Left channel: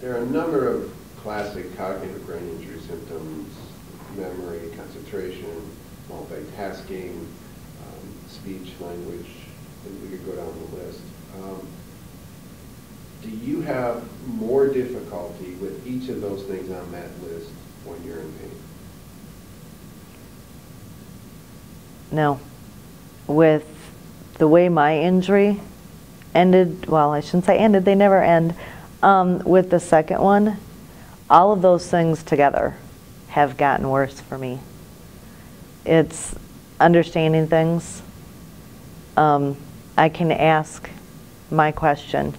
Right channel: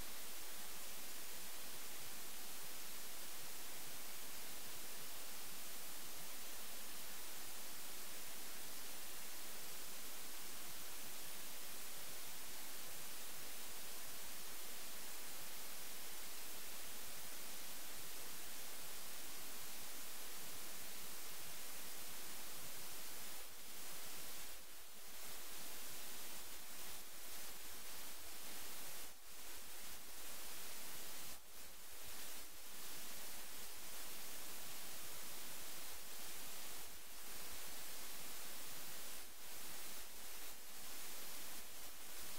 There are a number of classic cognitive brain injury symptoms: memory, concentration, multitasking, speech, language, and we could go down the list. Do you have more difficulty with each of those things on that list when you're in pain? No. With the way my injury ended, well, I shouldn't say ended, they never end. With the second one, all of those things together have gotten worse for me. It's understanding things. I can ask my question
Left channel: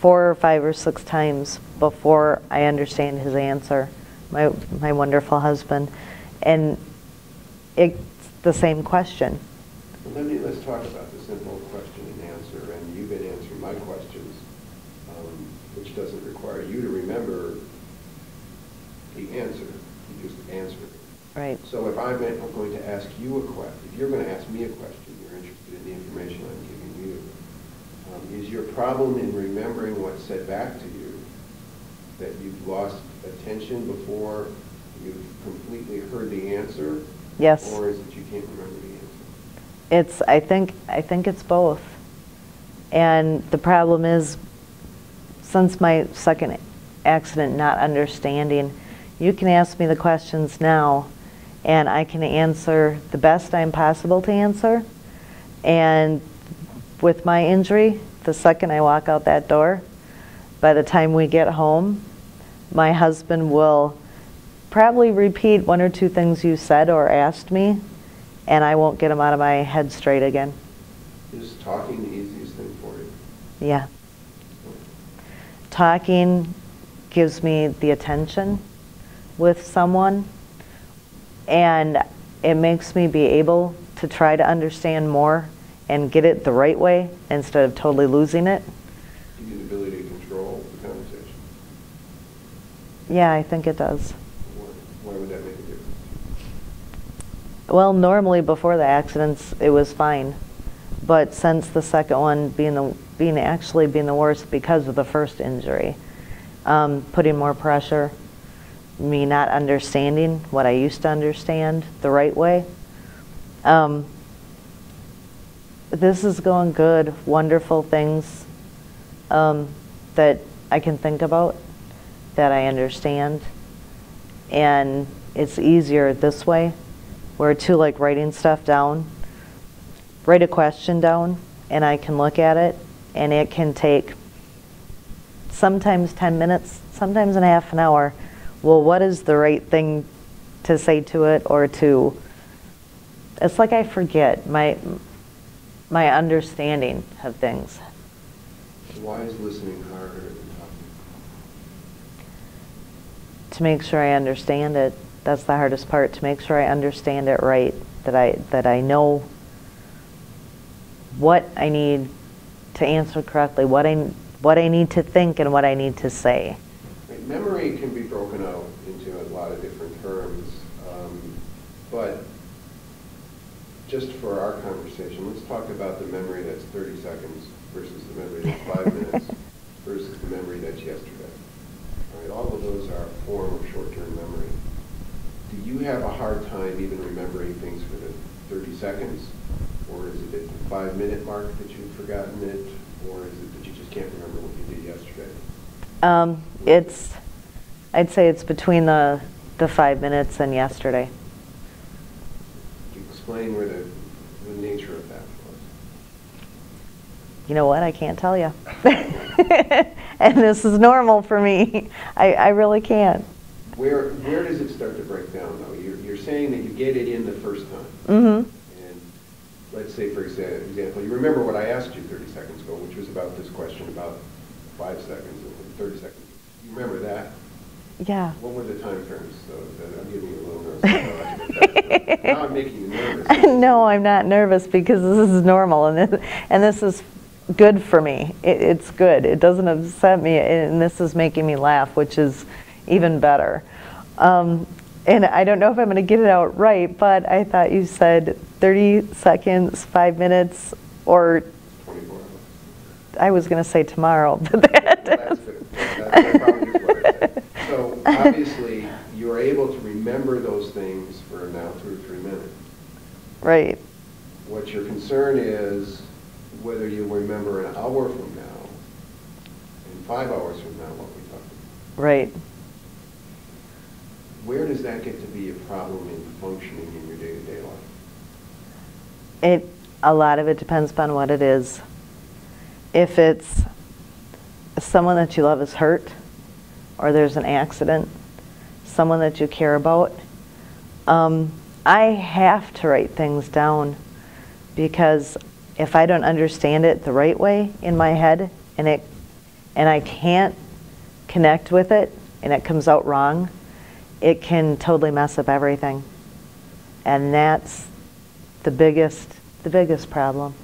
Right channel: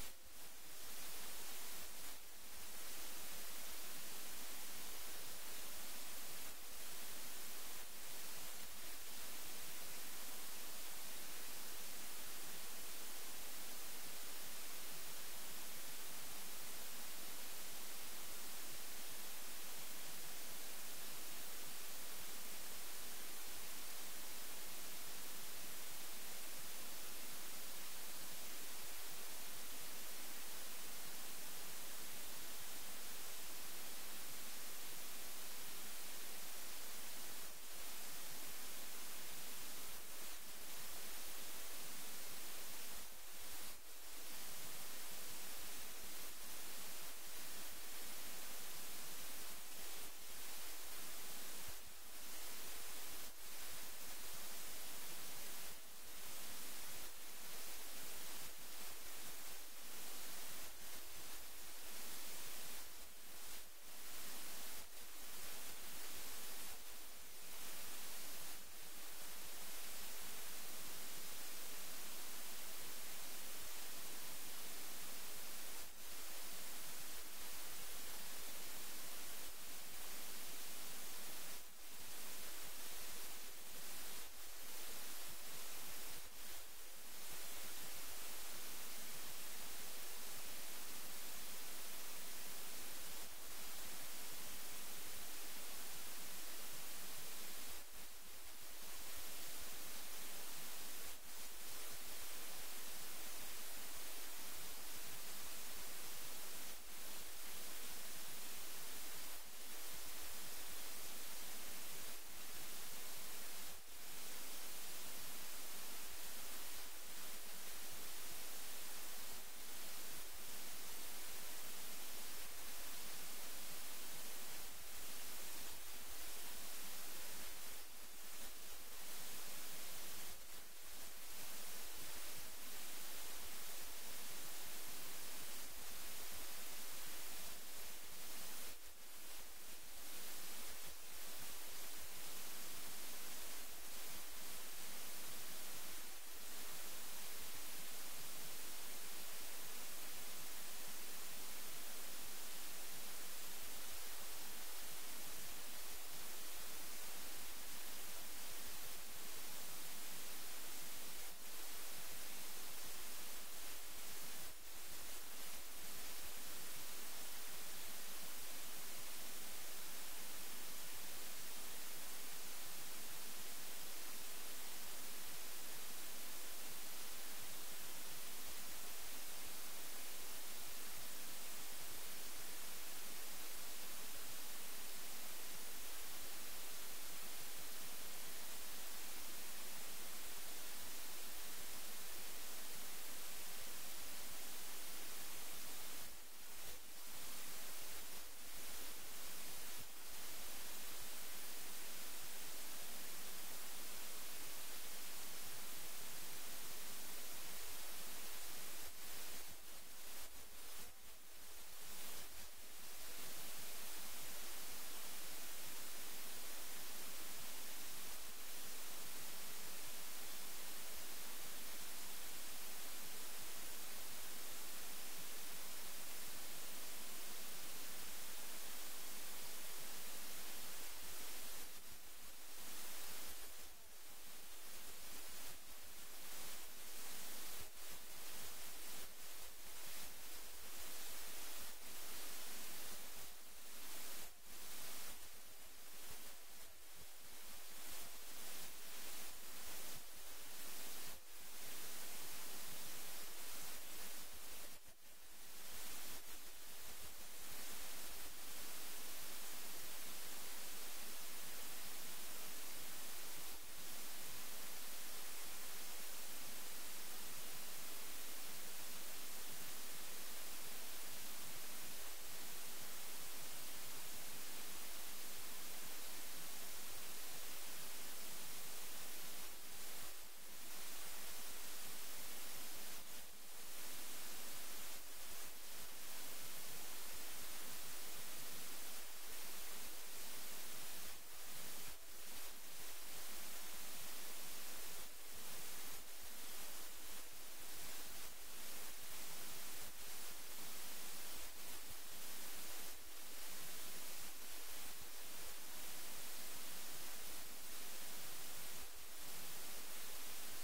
4 or 5 or 6 times before I understand his answer, my wonderful husband. And it's the same question. Well, let's talk about the simple question and answer. And you've been answering my questions, which doesn't require you to remember the answer. You just answer it. Right. So if I'm going to ask you a question, if you're going to ask me a question, you're interested in the information I'm giving you. Is your problem in remembering what's said back to you that you've lost attention before you've completely heard the answer? Yes. Or is it you can't remember the answer? I think it's both. And the problem is, since my second accident, not understanding, you can ask me the questions now and I can answer the best I'm possible to answer. And with my injury, the second I walk out that door, by the time we get home, my husband will probably repeat 1 or 2 things you said or asked me, and I won't get them out of my head straight again. Is talking the easiest thing for you? Yeah. Talking gives me the attention with someone, and it makes me be able to try to understand more and get it the right way instead of totally losing it. Give you the ability to control the conversation? Yeah, I think it does. Why would that make a difference? Well, normally before the accidents, it was fine. But since the second one being the worst because of the first injury, putting more pressure, me not understanding what I used to understand the right way. This is going good, wonderful things that I can think about, that I understand. And it's easier this way, where too, like writing stuff down, write a question down, and I can look at it, and it can take sometimes 10 minutes, sometimes in half an hour. Well, what is the right thing to say to it, or to, it's like I forget my understanding of things. So why is listening harder than talking? To make sure I understand it. That's the hardest part, to make sure I understand it right, that I know what I need to answer correctly, what I need to think and what I need to say. Memory can be broken out into a lot of different terms, but just for our conversation, let's talk about the memory that's 30 seconds versus the memory that's 5 minutes versus the memory that's yesterday. All right, all of those are a form of short-term memory. Do you have a hard time even remembering things for the 30 seconds? Or is it at the 5-minute mark that you've forgotten it? Or is it that you just can't remember what you did yesterday? I'd say it's between the 5 minutes and yesterday. Explain where the nature of that was. You know what? I can't tell you. And this is normal for me. I really can't. Where does it start to break down, though? You're saying that you get it in the first time. Mm-hmm. And let's say, for example, you remember what I asked you 30 seconds ago, which was about this question about 5 seconds and 30 seconds. You remember that? Yeah. What were the time frames? So that I'm giving you a little nervous. Now I'm making you nervous. No, I'm not nervous because this is normal, and this is good for me. It's good. It doesn't upset me, and this is making me laugh, which is even better. And I don't know if I'm going to get it out right, but I thought you said 30 seconds, 5 minutes, or 24 hours. I was going to say tomorrow, but that Well, that's good. That probably is what it is. So obviously, you're able to remember those things for now 2 or 3 minutes. Right. What your concern is whether you remember an hour from now and 5 hours from now what we talked about. Right. Where does that get to be a problem in functioning in your day-to-day life? A lot of it depends upon what it is. If it's someone that you love is hurt, or there's an accident, someone that you care about, I have to write things down, because if I don't understand it the right way in my head, and I can't connect with it, and it comes out wrong, it can totally mess up everything. And that's the biggest problem.